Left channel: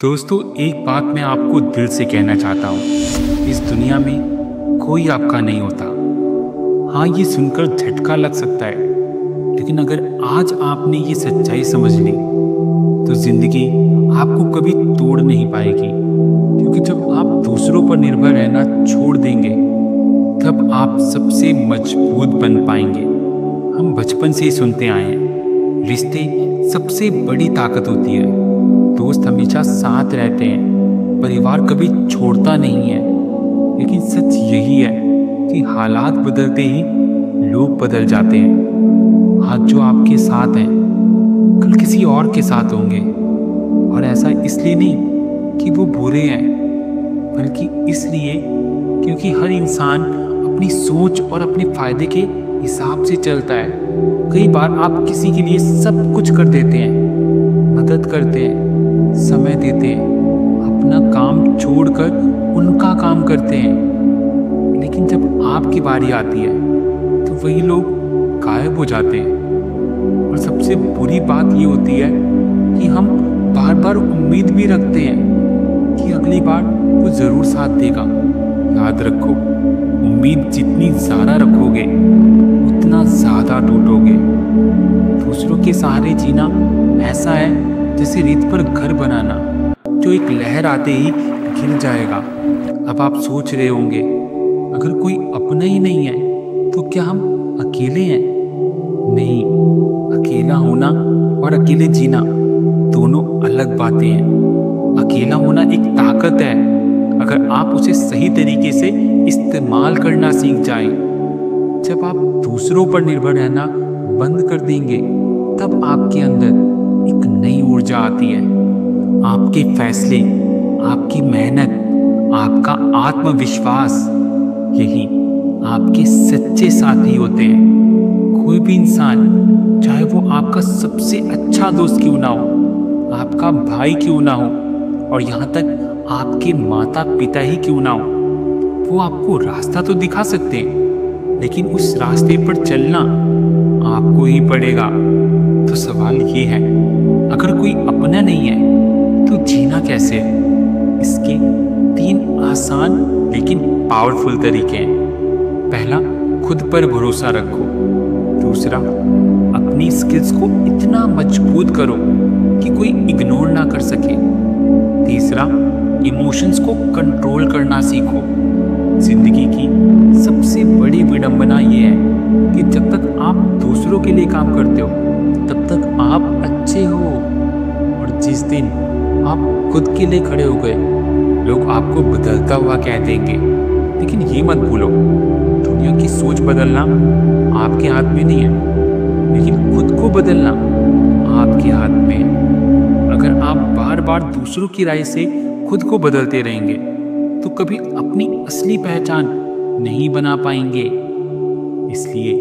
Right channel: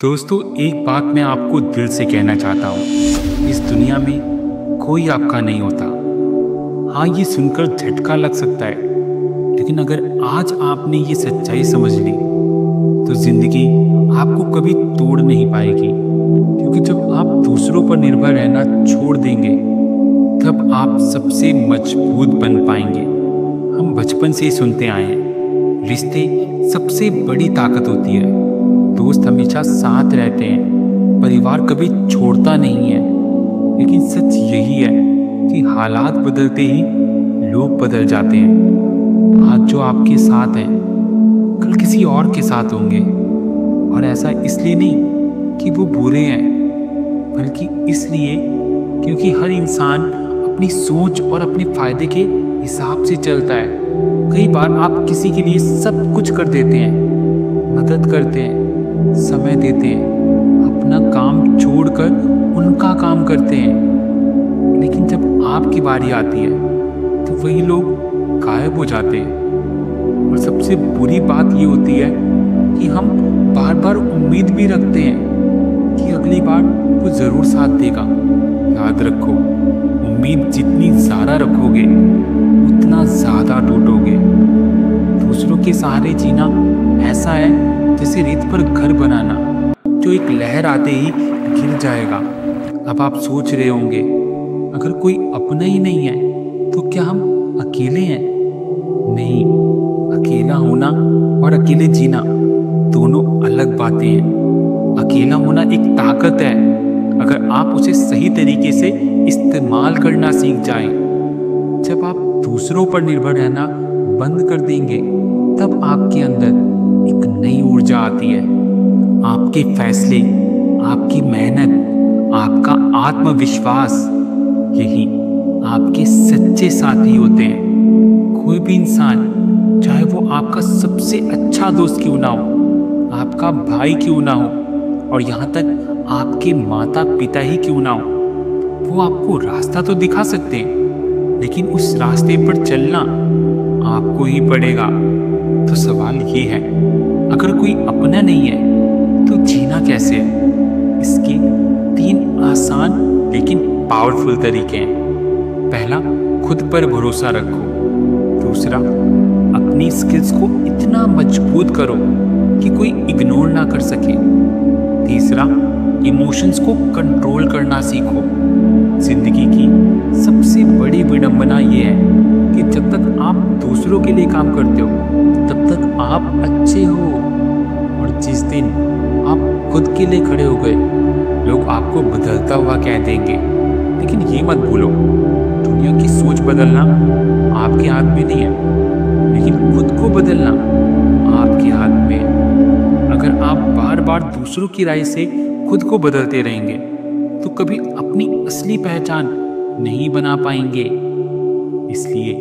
दोस्तों, एक बात मैं आपको दिल से कहना चाहता हूँ। इस दुनिया में कोई आपका नहीं होता। हाँ, ये सुनकर झटका लग सकता है, लेकिन अगर आज आपने ये सच्चाई समझ ली तो जिंदगी आपको कभी तोड़ नहीं पाएगी। क्योंकि जब आप दूसरों पर निर्भर रहना छोड़ देंगे तब आप सबसे मजबूत बन पाएंगे। हम बचपन से ही सुनते आए हैं, रिश्ते सबसे बड़ी ताकत होती है। दोस्त हमेशा साथ रहते हैं, परिवार कभी छोड़ता नहीं है। लेकिन सच यही है कि हालात बदलते ही लोग बदल जाते हैं। आज जो आपके साथ हैं कल किसी और के साथ होंगे। और ऐसा इसलिए नहीं कि वो बुरे हैं, बल्कि इसलिए क्योंकि हर इंसान अपनी सोच और अपने फायदे के हिसाब से चलता है। कई बार आप किसी के लिए सब कुछ कर देते हैं, मदद करते हैं, समय देते हैं, अपना काम छोड़कर उनका काम करते हैं, लेकिन जब आपकी बारी आती है तो वही लोग गायब हो जाते हैं। और सबसे बुरी बात ये होती है कि हम बार बार उम्मीद भी रखते हैं कि अगली बार वो ज़रूर साथ देगा। याद रखो, उम्मीद जितनी ज़्यादा रखोगे उतना ज़्यादा टूटोगे। दूसरों के सहारे जीना ऐसा है जैसे रेत पर घर बनाना, जो एक लहर आते ही गिर जाएगा। अब आप सोच रहे होंगे, अगर कोई अपना ही नहीं है तो क्या हम अकेले हैं? नहीं, अकेला होना और अकेले जीना दोनों अलग बातें हैं। अकेला होना एक ताकत है, अगर आप उसे सही तरीके से इस्तेमाल करना सीख जाएं। जब आप दूसरों पर निर्भर रहना बंद कर देंगे तब आपके अंदर एक नई ऊर्जा आती है। आपके फैसले, आपकी मेहनत, आपका आत्मविश्वास, यही आपके सच्चे साथी होते हैं। कोई भी इंसान, चाहे वो आपका सबसे अच्छा दोस्त क्यों ना हो, आपका भाई क्यों ना हो, और यहाँ तक आपके माता पिता ही क्यों ना हो, वो आपको रास्ता तो दिखा सकते हैं, लेकिन उस रास्ते पर चलना आपको ही पड़ेगा। तो सवाल ये है, अगर कोई अपना नहीं है तो जीना कैसे है? इसके 3 आसान लेकिन पावरफुल तरीके हैं। पहला, खुद पर भरोसा रखो। दूसरा, अपनी स्किल्स को इतना मजबूत करो कि कोई इग्नोर ना कर सके। तीसरा, इमोशंस को कंट्रोल करना सीखो। जिंदगी की सबसे बड़ी विडंबना ये है कि जब तक आप दूसरों के लिए काम करते हो तब तक आप अच्छे हो, और जिस दिन आप खुद के लिए खड़े हो गए लोग आपको बदलता हुआ कह देंगे। लेकिन ये मत भूलो, दुनिया की सोच बदलना आपके हाथ में नहीं है, लेकिन खुद को बदलना आपके हाथ में है। अगर आप बार बार दूसरों की राय से खुद को बदलते रहेंगे तो कभी अपनी असली पहचान नहीं बना पाएंगे। इसलिए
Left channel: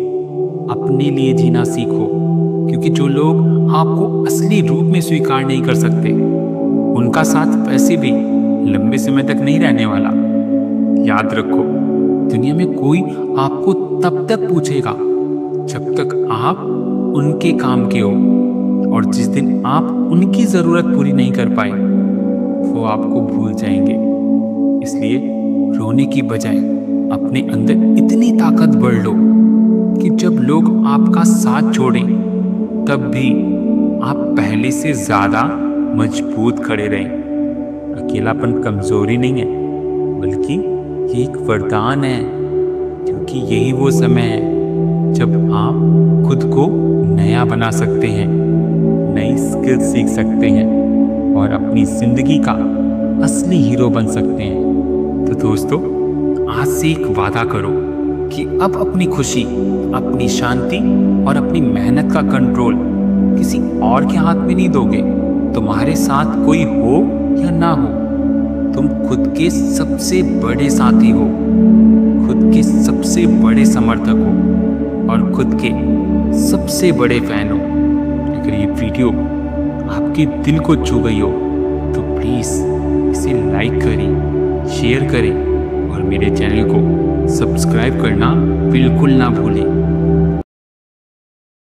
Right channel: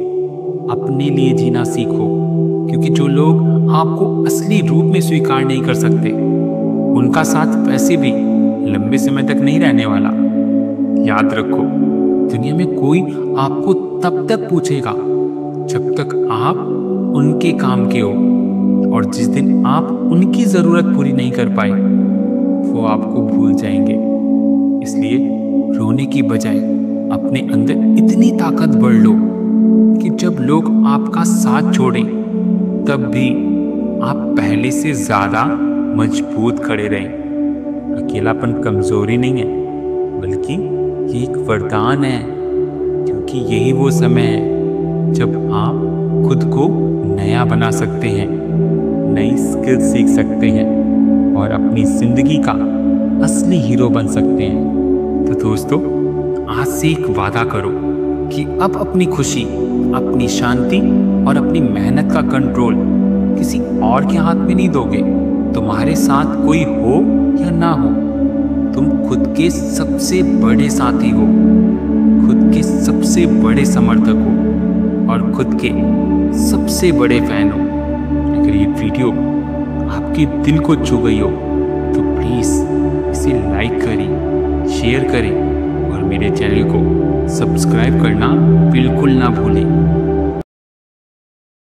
अपने लिए जीना सीखो, क्योंकि जो लोग आपको असली रूप में स्वीकार नहीं कर सकते उनका साथ वैसे भी लंबे समय तक नहीं रहने वाला। याद रखो, दुनिया में कोई आपको तब तक पूछेगा जब तक आप उनके काम के हो, और जिस दिन आप उनकी जरूरत पूरी नहीं कर पाए वो आपको भूल जाएंगे। इसलिए रोने की बजाय अपने अंदर इतनी ताकत बढ़ लो कि जब लोग आपका साथ छोड़ें तब भी आप पहले से ज्यादा मजबूत खड़े रहें। अकेलापन कमजोरी नहीं है, बल्कि ये एक वरदान है, क्योंकि यही वो समय है जब आप खुद को नया बना सकते हैं, नई स्किल सीख सकते हैं और अपनी जिंदगी का असली हीरो बन सकते हैं। तो दोस्तों, आज से एक वादा करो कि अब अपनी खुशी, अपनी शांति और अपनी मेहनत का कंट्रोल किसी और के हाथ में नहीं दोगे। तुम्हारे साथ कोई हो या ना हो, तुम खुद के सबसे बड़े साथी हो, खुद के सबसे बड़े समर्थक हो और खुद के सबसे बड़े फैन हो। अगर ये वीडियो आपके दिल को छू गई हो तो प्लीज़ इसे लाइक करें, शेयर करें और मेरे चैनल को सब्सक्राइब करना बिल्कुल ना भूलें।